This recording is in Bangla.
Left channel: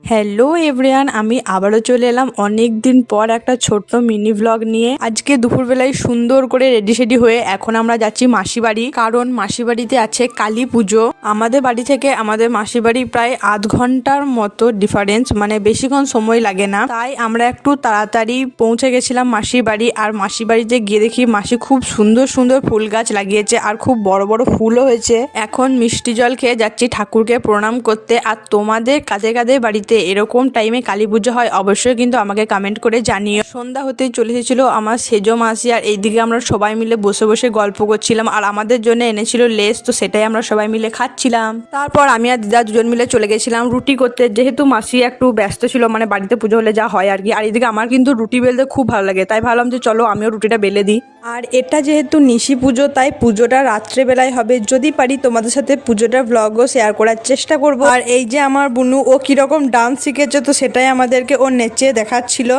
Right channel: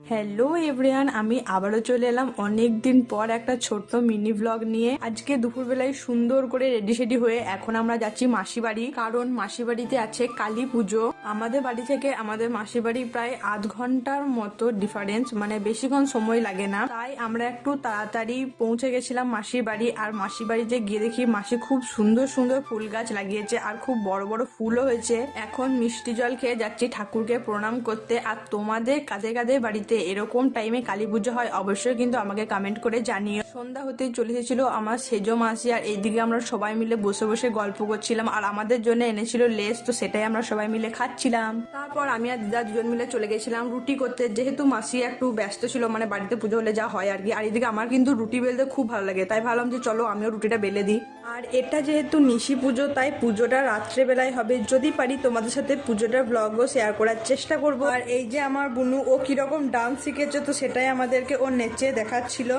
হ্যালো এভরিওয়ান, আমি আবারও চলে এলাম অনেক দিন পর একটা ছোট্ট মিনি ভ্লগ নিয়ে। আজকে দুপুরবেলায় সুন্দর করে রেডি সেডি হয়ে এখন আমরা যাচ্ছি মাসি বাড়ি, কারণ মাসি বাড়িতে আছে কালী পুজো। আমাদের বাড়ি থেকে আমাদের মাসি বাড়ি প্রায় আধ ঘন্টার মতো ডিফারেন্স, মানে বেশিক্ষণ সময় লাগে না। তাই আমরা একটু তাড়াতাড়ি পৌঁছে গেছিলাম মাসির বাড়ি। আর মাসি বাড়িতে গিয়ে দেখি মাসি খুব সুন্দর সুন্দর ফুল গাছ লাগিয়েছে আর খুব বড় বড় ফুলও হয়েছে। এখন মিষ্টি জল খেয়ে যাচ্ছি ঠাকুরকে প্রণাম করতে। আর তোমাদের কাদের কাদের বাড়িতে এরকম টাইমে কালী পুজো হয় অবশ্যই কিন্তু আমাকে কমেন্ট করে জানিও। সন্ধ্যা হতেই চলে এসেছিল আমার সেজো মাসি, আর এইদিকে আমরা সবাই মিলে বসে বসে গল্প করছিলাম। আর আমাদের জন্য এনেছিল লেস, তো সেটাই আমরা সবাই মিলে খাচ্ছিলাম। তারপর আমি আর দিদা দুজন মিলে চলে গেছিলাম রুটি করতে, যেহেতু মাসি একটু ব্যস্ত ছিল, মানে বাড়িতে পুজো হলে যা হয় আর কি। আর এদিকে আমার কিন্তু রুটি বেলতে খুব ভালো লাগে, তাই ভাবলাম যে চলো আমিও রুটিটা বেলে দিই। আর এটা যেহেতু নিশি পুজো, তাই পুজোটা রাত্রেবেলায় হবে। যদি পারি তোমাদের সাথে পুজোটার ভ্লগও শেয়ার করার চেষ্টা করব। আর এই যে আমার বুনু, ও কিরকম ডান্স শিখেছে, তো সেটাই আমাদেরকে ও নেচে দেখাচ্ছিল।